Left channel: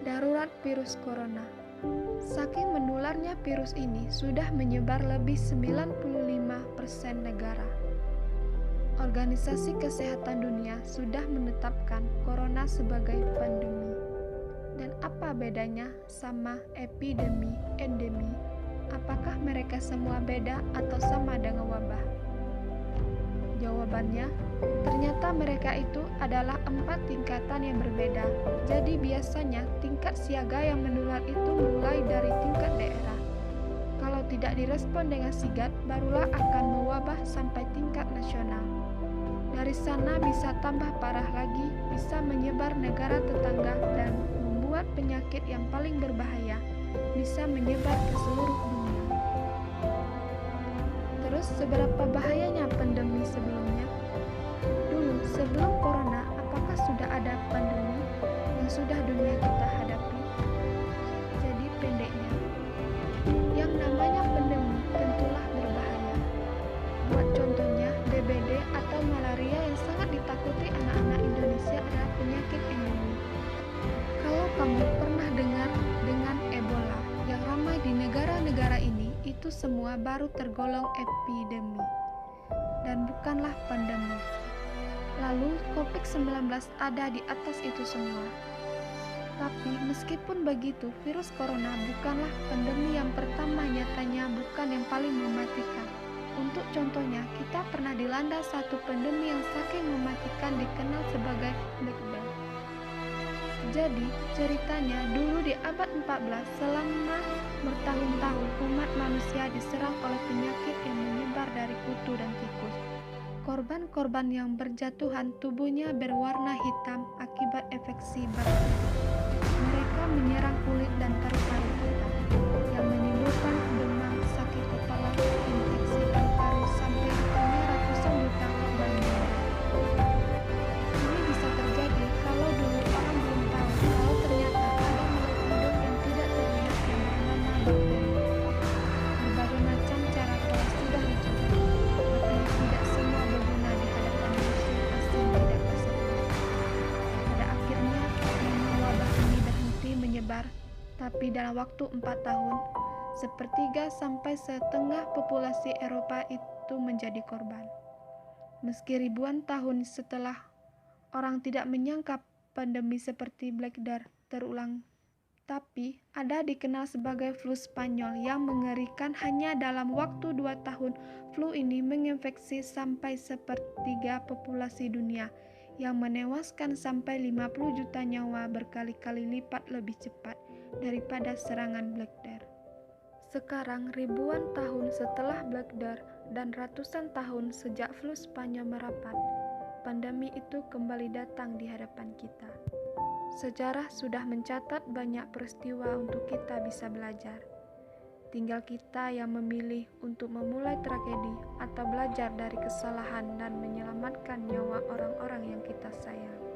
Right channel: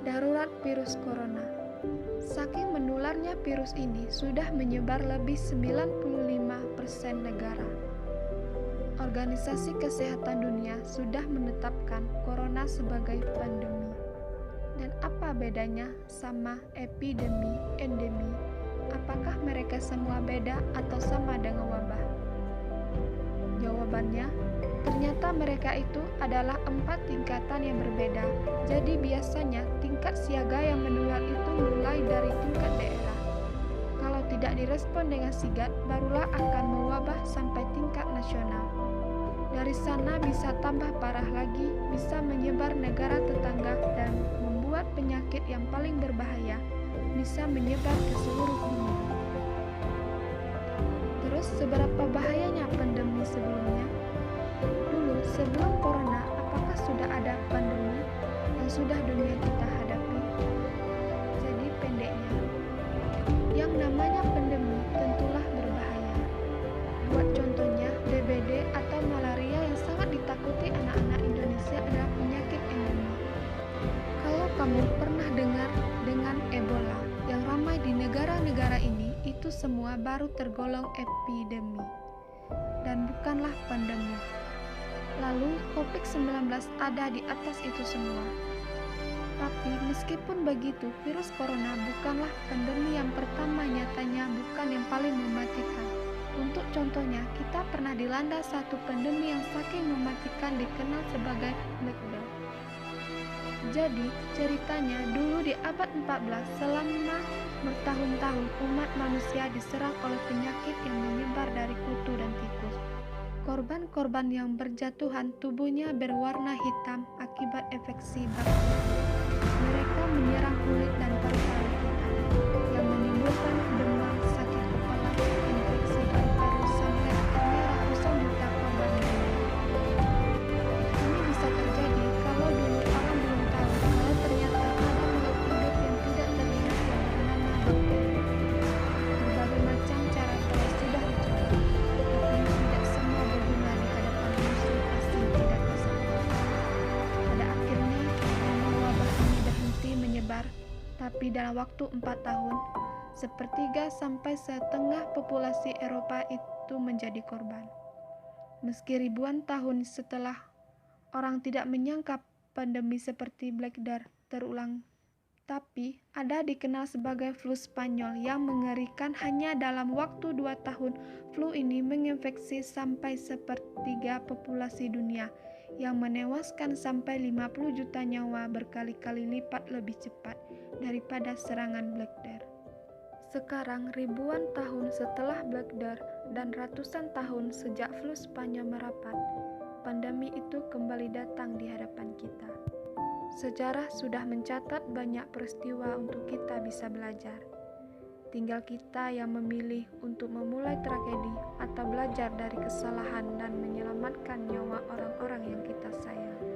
Darurat virus corona. Saking menularnya virus ini sudah menyebar lebih 95% negara. Organisasi Kesehatan Dunia sudah menetapkan corona sebagai pandemi. Dan apa bedanya sama epidemi, endemi? Apakah mereka semua beda atau sama dengan wabah? Jawabannya, ternyata mereka itu adalah 4 tingkatan yang berbeda. Jadi biasanya tingkat siaga yang menular itu mulai dari tingkat daerah. Kalau tidak direspon dengan sigap, barulah akan mewabah sampai tingkat nasional. Dari sana bisa tambah parah lagi, bisa menyebar negara tetangga dan membuat penyakit yang paling berbahaya bisa menyebar ke seluruh dunia. Terus seberapa bahayanya pandemi sebelumnya? Dulu sebelum corona, apakah sudah ada pandemi yang sudah dunia kita hadapi? Jadi pendeknya, yang namanya pandemi tentulah berbahaya. Buat contohnya, DBD atau malaria yang sangat ditakuti anak-anak Indonesia adalah penyakit endemi. Kalau kamu pernah dengar dengan Ebola yang ramai di negara-negara ini, itu semua baru tergolong epidemi dan bukanlah pandemi. Lalu COVID-19 ada di atas itu semua. Tapi meskipun begitu, virus corona bukanlah pandemi yang pertama, nyatanya bukan yang paling mematikan. Untuk contohnya, kita pernah dilanda satu pandemi yang saking mematikan dikenal sebagai Black Death. Jadi, ceritanya dulu di abad 14, selama bertahun-tahun umat manusia diserang oleh penyakit yang menyebar dari kutu dan tikus. Korban-korban yang berjatuhan tubuhnya berwarna hitam akibat infeksi bakteri. Mereka menyerang kulit dan paru-paru kita, yang menimbulkan demam, sakit kepala, infeksi paru-paru, sampai akhirnya ratusan juta korban meninggal. Ini bisa terjadi kalau dulu orang belum tahu kalau ternyata ada makhluk hidup yang tidak terlihat yang bernama bakteri. Berbagai macam cara telah sudah dicoba, tapi tidak semua berguna di hadapan musuh asing tidak kasat mata. Pada akhirnya, memang wabah ini berhenti menyebar, tapi dalam waktu 4 tahun, sepertiga sampai setengah populasi Eropa itu menjadi korban. Meski ribuan tahun setelah, orang tidak menyangka pandemi seperti Black Death terulang. Tapi ada dikenal sebagai flu Spanyol yang mengerikan. Hanya dalam waktu 2 tahun, flu ini menginfeksi sampai sepertiga populasi dunia, yang menewaskan sampai 50 juta nyawa, berkali-kali lipat lebih cepat daripada serangan Black Death. Sekarang ribuan tahun setelah Black Death dan ratusan tahun sejak flu Spanyol merapat, pandemi itu kembali datang di hadapan kita. Sejarah sudah mencatat banyak peristiwa untuk kita bisa belajar. Tinggal kita yang memilih untuk memulai tragedi atau belajar dari kesalahan dan menyelamatkan nyawa orang-orang yang kita sayang.